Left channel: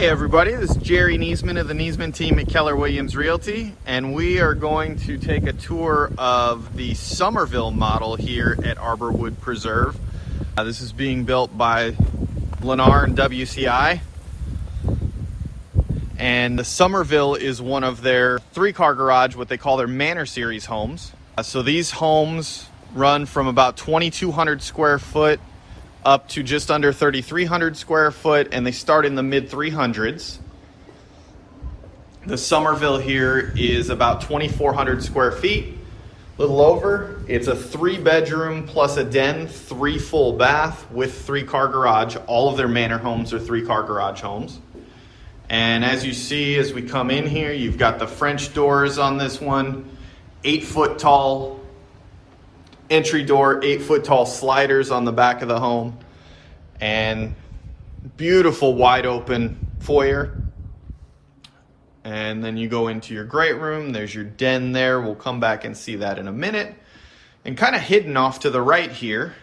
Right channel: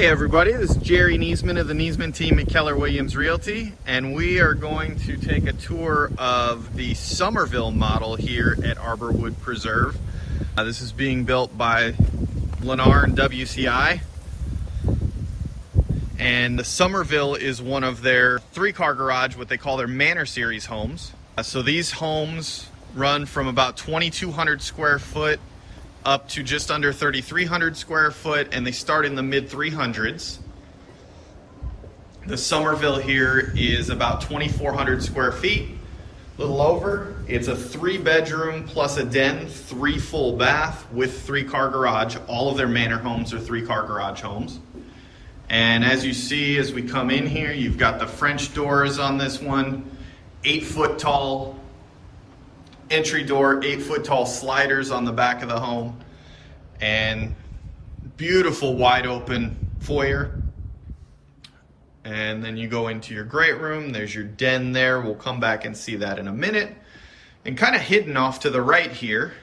Hey everybody, this is Jerry Niesman of the Niesman Team at Keller Williams Realty, and we are going to take a tour of the Summerville model here at Arborwood Preserve. This is being built by Lennar and WCI, and the Summerville is one of their 3-car garage, what they call their Manor series homes. So these homes run from about 2,200 square foot up to just under 3,300 square foot, and they start in the mid 300s. The Summerville here is about 2,400 square feet, a little over. It's a 3-bedroom plus a den, 3 full bath with 3-car garage. All of their Manor homes are 3-car garage homes. And as you see, as we come in here, you've got the French doors on this one, 8-foot tall entry door, 8-foot tall sliders on the back of the home, and beautiful wide open foyer. And then you go into your great room. There's your den there. We'll come back and see that in a minute. And kind of hidden off to the right here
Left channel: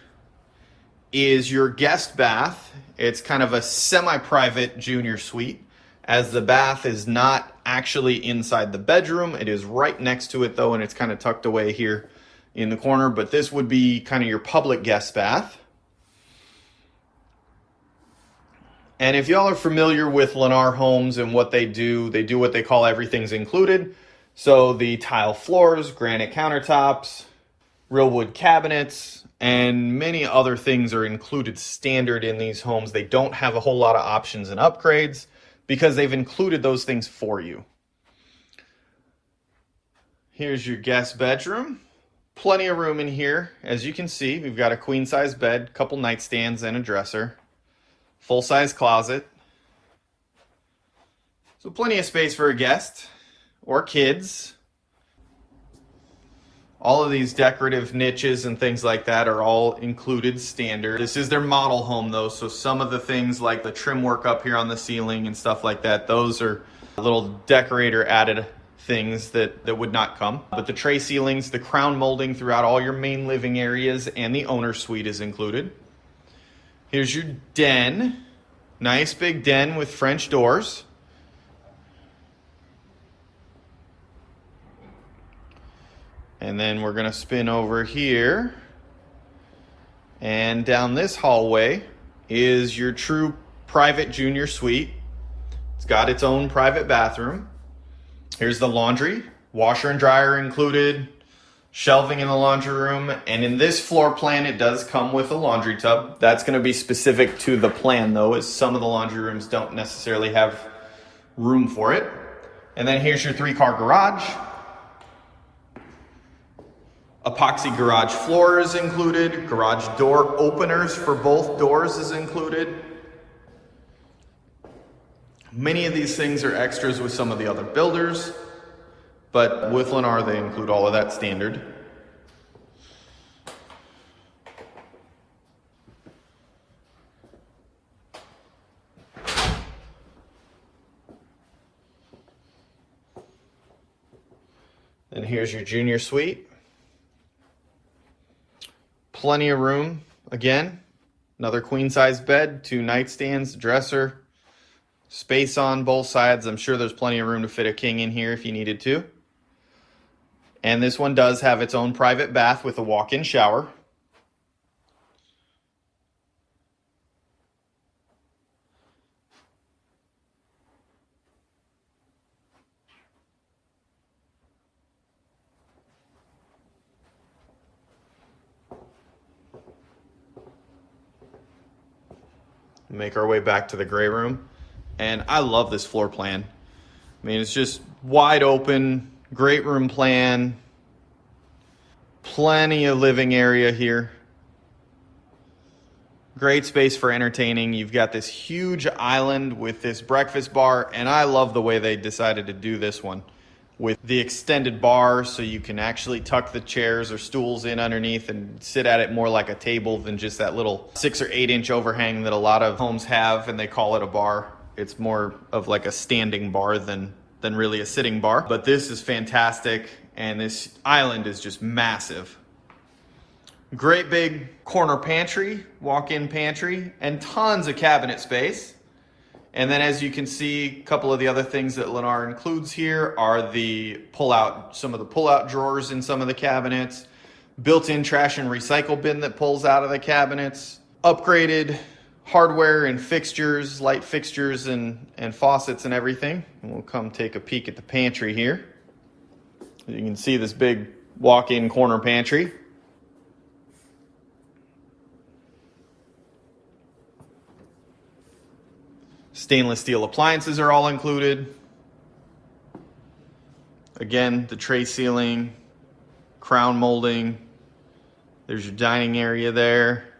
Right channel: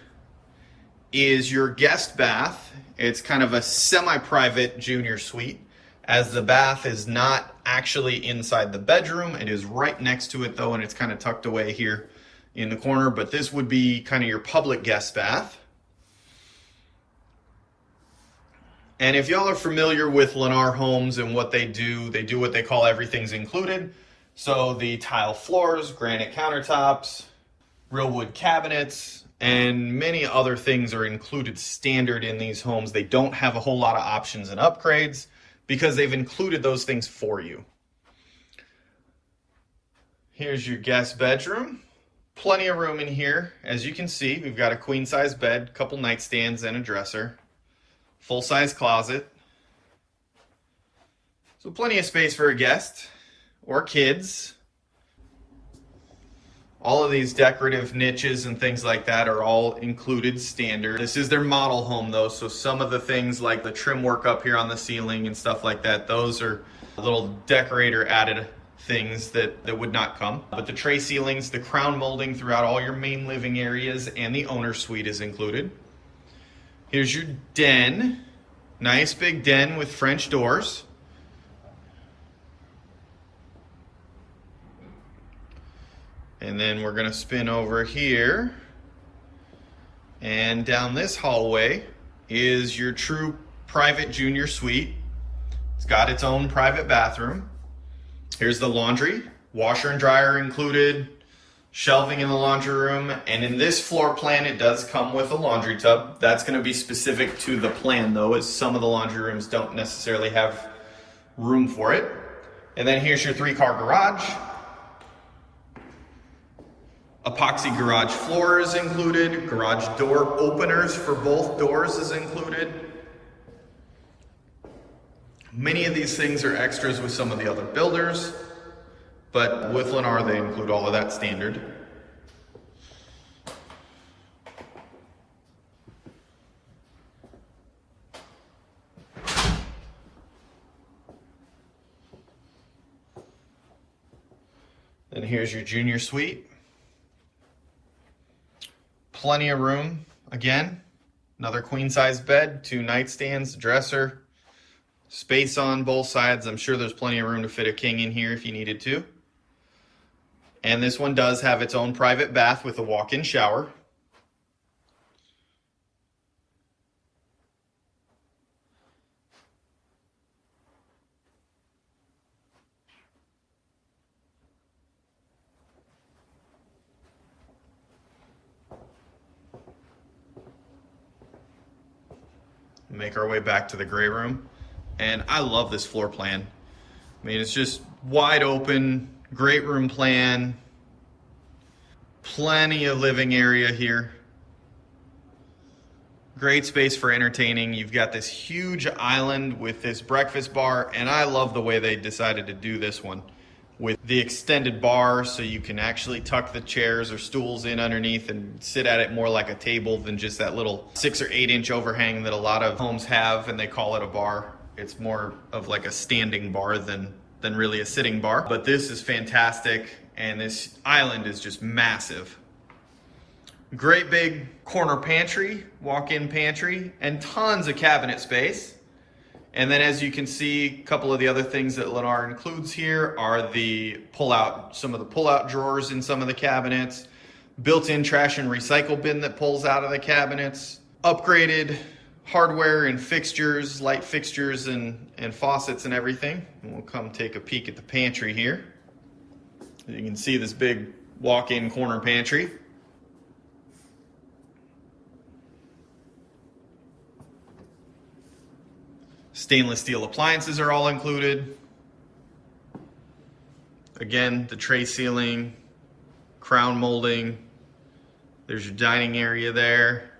is your guest bath. It's kind of a semi-private junior suite, as the bath is not actually inside the bedroom. It is right next to it though, and it's kind of tucked away here in the corner, but this would be kind of your public guest bath. And if y'all are familiar with Lennar Homes and what they do what they call everything's included. So the tile floors, granite countertops, real wood cabinets, and many other things are included standard in these homes. They don't have a whole lot of options and upgrades because they've included those things for you. Here's your guest bedroom. Plenty of room in here. As you can see, we've got a queen size bed, couple nightstands and a dresser, full size closet. So plenty of space for a guest or kids. All of these decorative niches and things like that are all included standard. This is their model home though, so some of the things like the trim work up here on the ceiling and stuff like that, those are little decorator added things that would not come. But the tray ceilings, the crown molding throughout all your main living areas, and the owner's suite is included. Here's your den. Nice big den with French doors. And then we're gonna spin over here. And down this hallway is your true private junior suite. It's got its own private bathroom. Here's the laundry, washer and dryer included, shelving in the laundry room, and in this floor plan it does come with a laundry tub. That's going to be specific to the plan though, as some of the laundry rooms don't necessarily have room for it. And then here's your 3-car garage. Epoxy garage floor is included, garage door openers for both doors is included. Many of these things are extras with some of the other builders, but with Lennar they include all of that standard. And here's your junior suite. Plenty of room, again, another queen size bed, 2 nightstands, dresser, space on both sides. I'm sure there's plenty of room to fit a king in here if you needed to. And this one does have its own private bath with a walk-in shower. Make our way back to the gray room. And I love this floor plan. mean, it's just wide open, great room plan, plenty of living area here. Great space for entertaining. You've got this huge island with this breakfast bar, and I love the way they decided to do this one with the extended bar, so you can actually tuck the chairs or stools in underneath and sit at it more like a table than just that little 6 or 8 inch overhang that a lot of homes have, and they call it a bar. It's more of like a standing bar than really a sitting bar. But this is fantastic, and this island is just massive. Great big corner pantry, walk-in pantry, and tons of cabinet space. And then as you can see, a couple of the other things that Lennar includes here are some of the pull-out drawers in some of the cabinets, built-in trash and recycle bin that pulls out of the cabinets, upgraded hardware and fixtures, light fixtures and faucets and everything. And we'll come take a peek at the pantry here. You can see this big walk-in corner pantry. Stainless steel appliances are all included. Again, the tray ceiling, crown molding. There's your dining area there.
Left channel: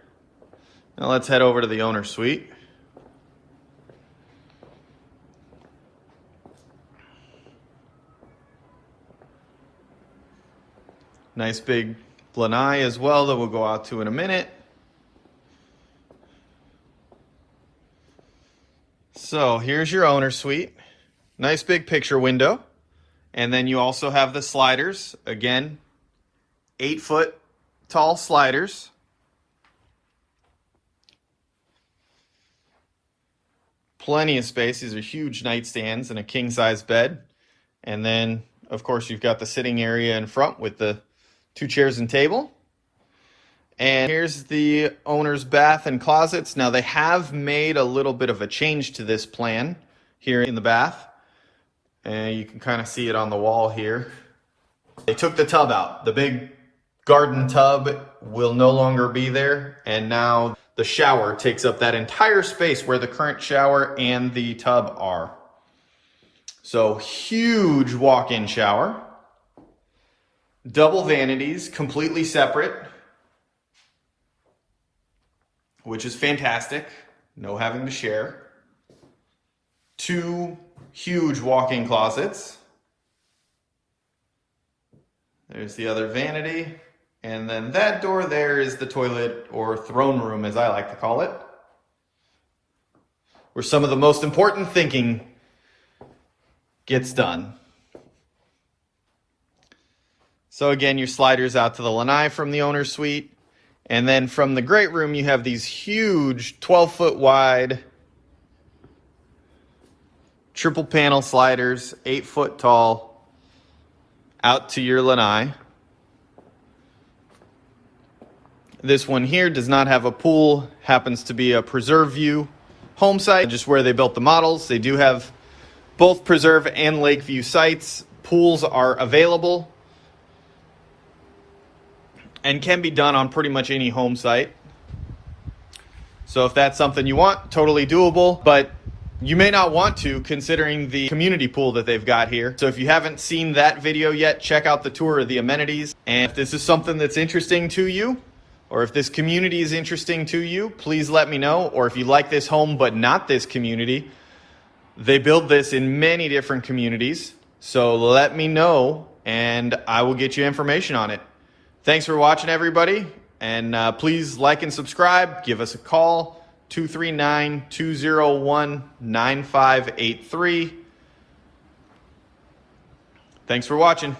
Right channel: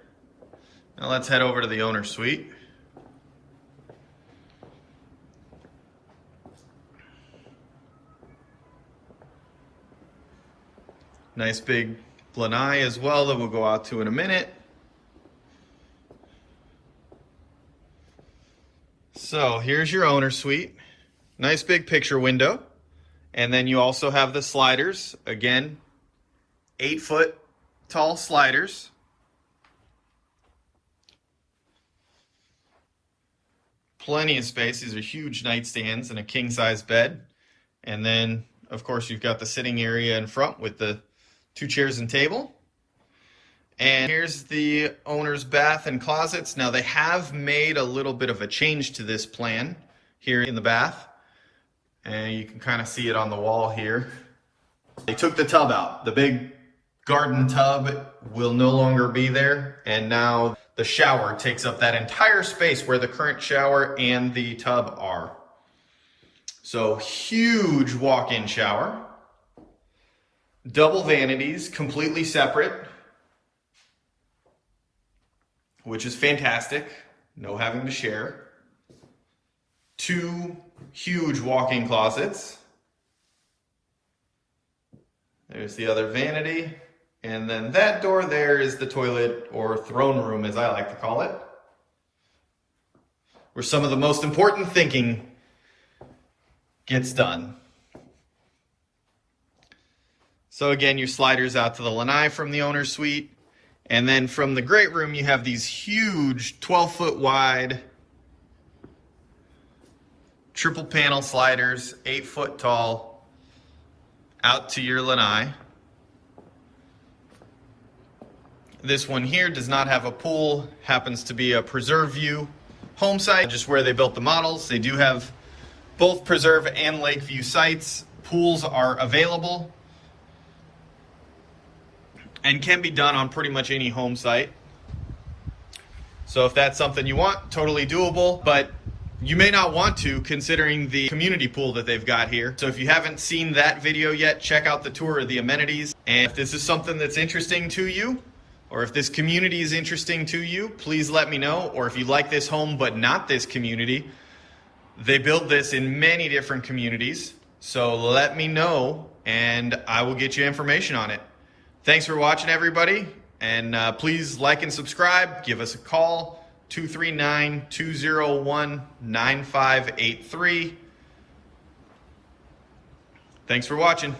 Now let's head over to the owner's suite. Nice big lanai as well that we'll go out to in a minute. So here's your owner's suite. Nice big picture window. And then you also have the sliders. Again, 8-foot tall sliders. Plenty of space. These are huge nightstands and a king-size bed. And then, of course, you've got the sitting area in front with the 2 chairs and table. And here's the owner's bath and closets. Now they have made a little bit of a change to this plan here in the bath. And you can kind of see it on the wall here. They took the tub out. The big garden tub will no longer be there. And now the shower takes up that entire space where the current shower and the tub are. So huge walk-in shower. Double vanities, completely separate, which is fantastic. No having to share. 2 huge walk-in closets. There's the other vanity. And then that door there is the toilet, or throne room as I like to call it, where some of the most important thinking gets done. So again, your sliders out to the lanai from the owner's suite. And then from the great room, you have these huge 12-foot wide triple panel sliders, 8-foot tall, out to your lanai. This one here does not have a pool, happens to be a Preserve View home site, just where they built the models. They do have both Preserve and Lakeview sites. Pools are available and can be done on pretty much any home site. So if that's something you want, totally doable, but you may not want to, considering the community pool that they've got here. So if you haven't seen that video yet, check out the tour of the amenities. And if this is something that's interesting to you, or if this community is interesting to you, please let me know. Or if you like this home but not this community, they build this in many different communities. So let me know and I will get you information on it. Thanks for watching, everybody. And please like and subscribe. Give us a call, 239-201-9583. Thanks for watching.